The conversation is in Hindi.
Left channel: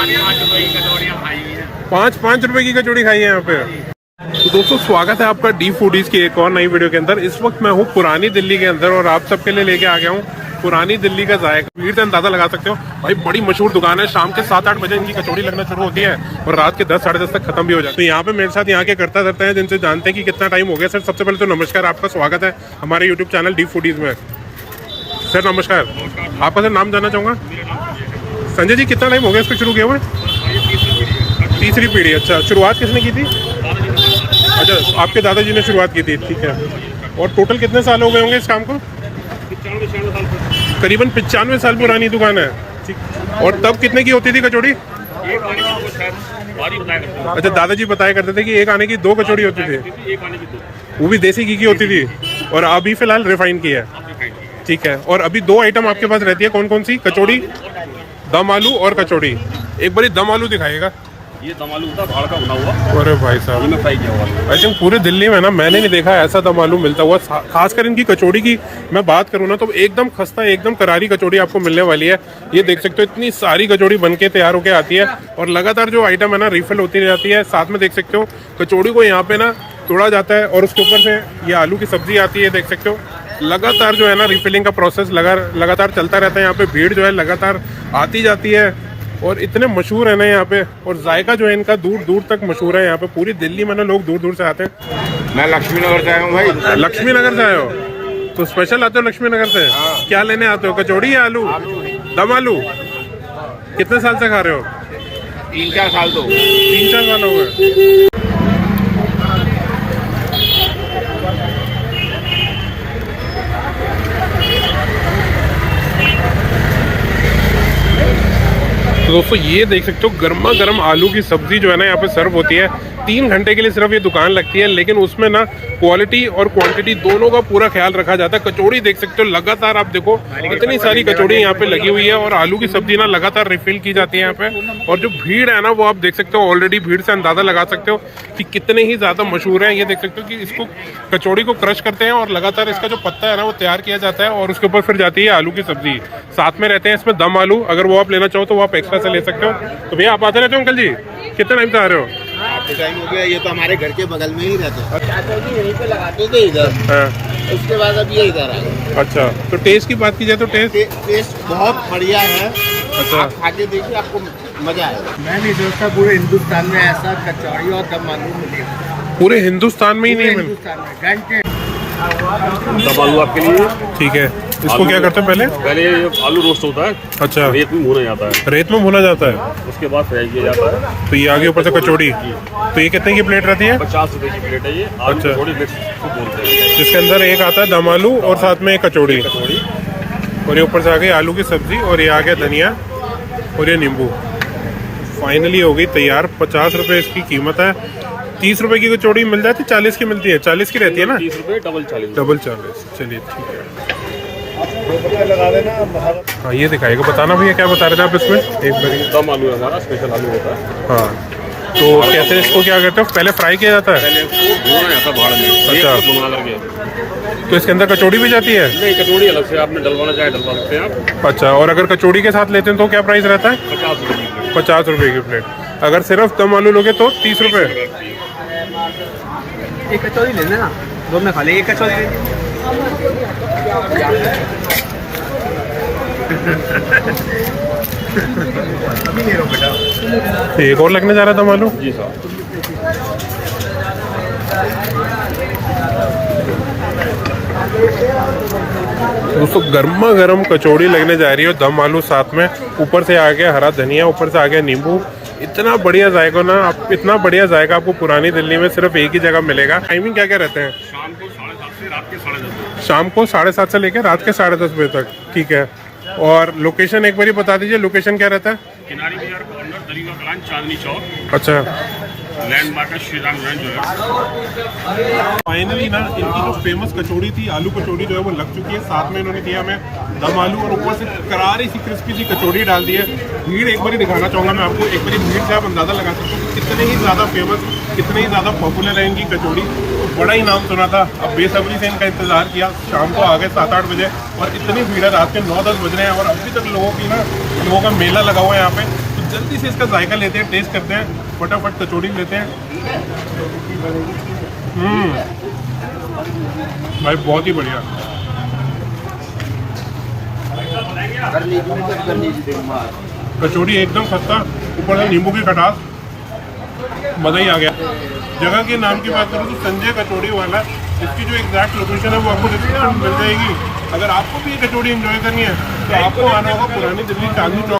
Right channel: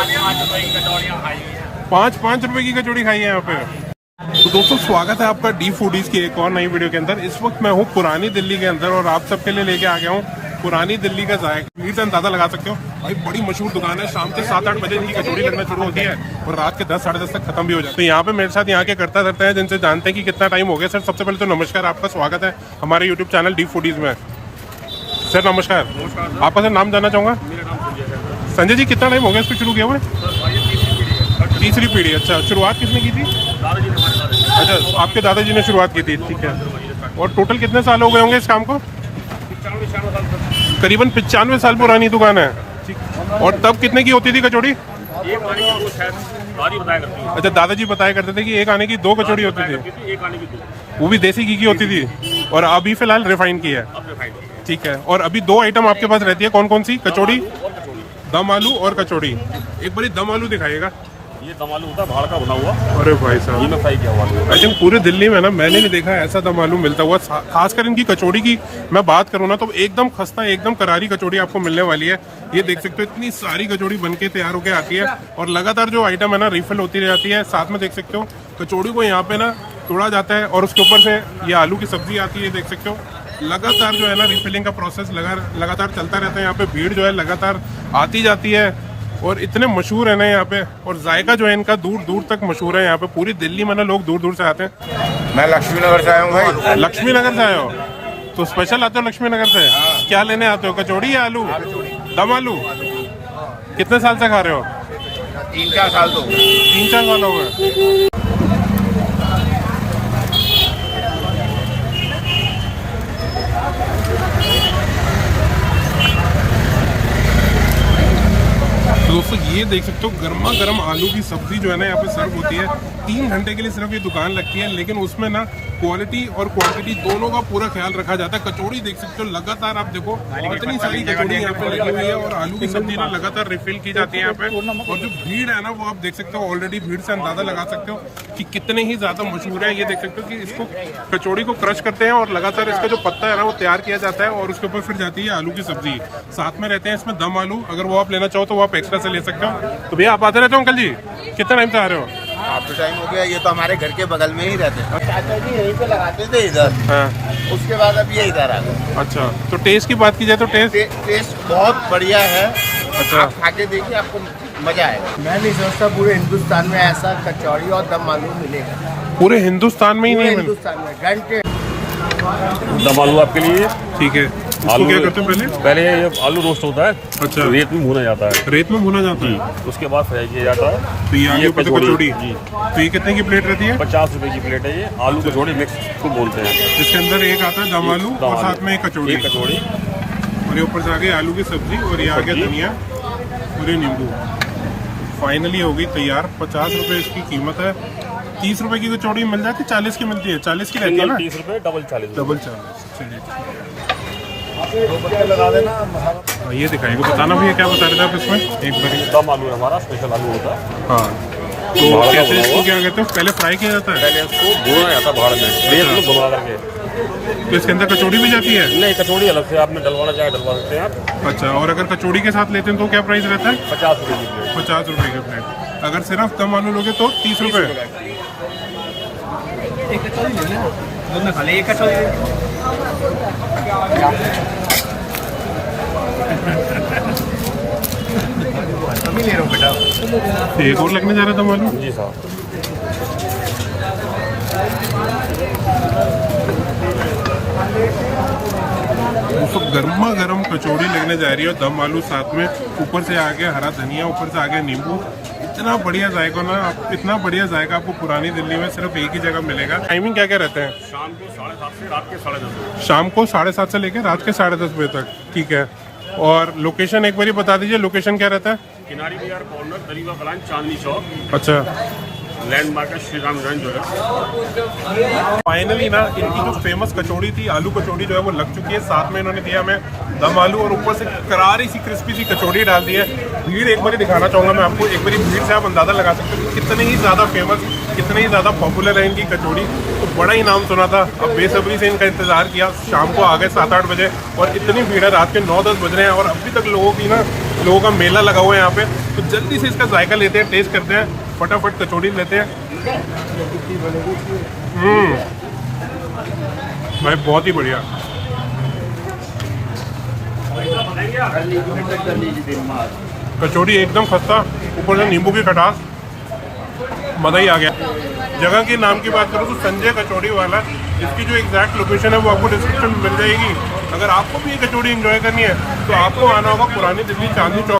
5 रुपए की कचौड़ी खाई है यहाँ पे। तो दोस्तों स्वागत है आपका डी फूडीज की एक और नई वीडियो के अंदर। इस वक्त मैं हूँ पुरानी दिल्ली के अंदर और आप सबके लिए लेके आ गया हूँ पुरानी दिल्ली का जायका। भीड़ से अंदाजा लगा सकते हो भाई, बड़ी मशहूर दुकान है। शाम के 7-8 बजे इनकी कचौड़ी लगना शुरू होती है और रात के 10 साढ़े 10 तक खत्म भी हो जाती है। तो यहाँ पे मेरे साथ यहाँ के करता रहते हैं जिनसे जानते हैं कि कितना टाइम हो गया। सर सबसे पहले तो नमस्कार, आपका स्वागत है हमारे यूट्यूब चैनल डी फूडीज में। सर नमस्कार, आपका सर नाम जानना चाहूँगा। संजय जी, कितना टाइम हो गया इसको शुरू किया हुआ? तीसरी पीढ़ी। अच्छा, शुरुआत किसने की थी? अच्छा, आपके दादाजी ने शुरुआत की थी, ठीक है। और टोटल कितने साल हो गए होंगे इस काम को? करीबन 95 साल पुरानी दुकान है, ठीक। और तब कितने की होती थी कचौड़ी? अच्छा, दादाजी बताया करते थे कि एक आने की 2 कचौड़ी होती थी, वो भी देसी घी की होती थी। और अभी फिलहाल रिफाइन की है, ठीक है। और अभी 2 आइटम आपके पास रहती है, कौन कौन सी? कचौड़ी, दम आलू और कचौड़ी। एक बारी दम आलू दिखाइएगा। ये दम आलू होता है, बना हुआ। अरे भाई साहब, ये फ्राई किया हुआ। आई थिंक पूरी दिल्ली में ना मैंने नहीं देखा ऐसा दम आलू मिलता हुआ। खासकर इनकी कचौड़ी की मैं बात करूँ ना तो एकदम खस्ता, एकदम करारी कचौड़ी आपको मिलने वाली है। ये देख सकते हो, इतनी सारी कचौड़ी बनके तैयार होकर आती है और लगातार जो आइटम है ना रिफिल होती जाती है। साथ में देख सकते हो कचौड़ी को यहाँ पे ना तोड़ा जाता है और उसके ऊपर से ये आलू की सब्जी आती है। देख सकते हो लगातार जो है ना रिफिलिंग का प्रोसेस लगातार चलता रहता है। यहाँ पे भीड़ जो है लगातार आती जाती है और इतने मशहूर है ना यहाँ पे। और जायका जो है इनका दूर दूर तक मशहूर है। यहाँ पे पूरी दिल्ली में ना लोग दूर दूर से आते हैं। मैं लक्ष्मी नगर से आया हूँ भाई। लक्ष्मी नगर से आए हो तो स्पेशल आते हो लक्ष्मी नगर से? हाँ। क्या लेने आते हो, कचौड़ी या आलू? दम आलू। कितने साल से खा रहे हो? 3-4 साल तो 3-4 साल हो गए। तो दोस्तों ये देख सकते हो गर्मा गर्म आलू की सब्जी जो है ना यहाँ पे सर्व होती है। 3 घंटे के लिए सिर्फ ये दुकान लगती है, लेकिन उसमें ना क्वालिटी और क्वांटिटी दोनों का पूरा ख्याल रखा जाता है। कचौड़ी देख सकते हो लगातार, आप देखो इतनी सारी कचौड़ी यहाँ पे लगी हुई है और आलू की सब्जी ना लगातार रिफिल की जाती है यहाँ पे। और जो भीड़ है ना वो आप देख सकते हो, ऑलरेडी भीड़ से अंदाजा लगा सकते हो कि कितने ही ज्यादा मशहूर है। ये देख सकते हो कि इसको कचौड़ी को क्रश करते हैं और लगातार इसका जो पत्ता है ना वो तैयार किया जाता है और उसके ऊपर फिर जाती है आलू की सब्जी। साथ में रहते हैं इसमें दम आलू, अगर वो आप लेना चाहो तो वो आप एक्स्ट्रा से ले सकते हो। तो भैया आप आते रहते हो? अंकल जी कितना टाइम से आ रहे हो? आपके टाइम हो गया, ये तो हमारे घर के बगल में ही रहते हैं। यहीं पे लगाते थे इधर, हाँ। उसके बाद अभी ये इधर आ गए। अच्छा, तो टेस्ट की बात की जाए तो टेस्ट बहुत बढ़िया है। अच्छा, आप खा के देखिए, आपको मजा आएगा। मैं नहीं सोचता पूरे हिंदुस्तान में ऐसा कचौड़ी और दम आलू मिलेगा। पूरे हिंदुस्तान में ही नहीं मिले? हिंदुस्तान में घंटे। दम आलू आपके लिए, ठीक है। इसको क्या करते हैं पहले ये आलू रोस्ट होता है। अच्छा, रेत में भुना जाता है। रेत में भुना जाता है, उसके बाद फ्राई किया जाता है। तो ये आगे ऊपर से कचौड़ी। तो ये कितने की प्लेट रहती है? 50 रुपए की प्लेट है ये। आलू अच्छा। कचौड़ी मिक्स को बोलते हैं। इसके अंदर एक आता है दम आलू और साथ में एक कचौड़ी और ये ऊपर से आ गई आलू की सब्जी और ये आ गया धनिया और ये नींबू। फाइनली हो गई तैयार। 50 रुपए इसकी कीमत है। 30 रुपए की कचौड़ी मिल जाती, 40 की मिलती है? 40 की रहती है ना? 30 रुपए डबल 40। चलिए ठीक है। हाँ ये दिखाएगा, बताना भैया क्या बता रहे थे आप इसमें एक बार? दम आलू है हमारा, स्पेशल आलू होता है। हाँ, तो कैसे इसको क्या करते हो? पहले फ्राई किया जाता है? पहले इसको भुना जाता है बाहर में। अच्छा। बना करके। तो इसके अंदर कचौड़ी भी जाती है? नहीं, कचौड़ी अलग से आपने डलवाना चाहे डलवा सकते हैं आप। अच्छा, और अगर कचौड़ी के साथ लेते हैं तो क्या प्राइस रहता है? 50 रुपए की प्लेट। 50 रुपए की प्लेट। अगर सिर्फ दम आलू लोगे तो 30 रुपए। एक कचौड़ी ले लेना, दोनों खा लेंगे। एक कचौड़ी ले अभी ले लो बेटा। एक और लगने जा रहा था मालूम। जी सर। दोस्तों गर्मा गर्म कचौड़ी लगने जा रही है, दम आलू साथ में, ऊपर से आ गया हरा धनिया, ऊपर से आ गया नींबू। इतना बढ़िया जायका ना, आप इतना बढ़िया जायका आपको पुरानी दिल्ली में सिर्फ एक ही जगह मिलेगा। टाइमिंग क्या क्या रहते हैं? शाम को 7:30 से रात के 10:30। शाम को 7:30 से लेकर रात के 10:30 बजे तक, ठीक है। और लोकेशन एक बार बता दीजिए, लोकेशन क्या रहता है? किनारी बाजार कॉर्नर, दरीवा कलान, चांदनी चौक। अच्छा, लैंडमार्क है श्री राम ज्वेलर्स। फाइनली ना इनकी जो फेमस कचौड़ी थी, आलू कचौड़ी जो है वो लग चुकी है। साथ में इन्होंने दिया हमें दम आलू और ऊपर से करारी सी क्रिस्पी सी कचौड़ी डाल दी है। भीड़ एक बार दिखाना चाहूँगा मैं आपको, एक बार भीड़ से आप अंदाजा लगा सकते हैं कितनी ही ज़्यादा फेमस, कितनी ही ज़्यादा पॉपुलर है इनकी कचौड़ी। बड़ा ही नाम सुना था, अब बेसब्री से इनका इंतजार किया। शाम को आ गए 7-8 बजे और इतनी भीड़ है, रात के 9-10 बज रहे हैं और अभी तक लोगों का मेला लगा हुआ है यहाँ पे। तो जल्दी से इसका जायका लेते हैं, टेस्ट करते हैं, फटाफट कचौड़ी लेते हैं। भाई बहुत ही बढ़िया। कचौड़ी एकदम खस्ता, ऊपर से नींबू की खटास, मजा ही आ गया। जगह के नाम की बात करूँ तो संजय कचौड़ी वाला, इसकी जो एग्जैक्ट लोकेशन है वो आपको डिस्क्रिप्शन में मिल जाएगी। अगर आपको भी ये कचौड़ी एंजॉय करनी है तो आपको आना होगा पुरानी दिल्ली चांदनी चौक।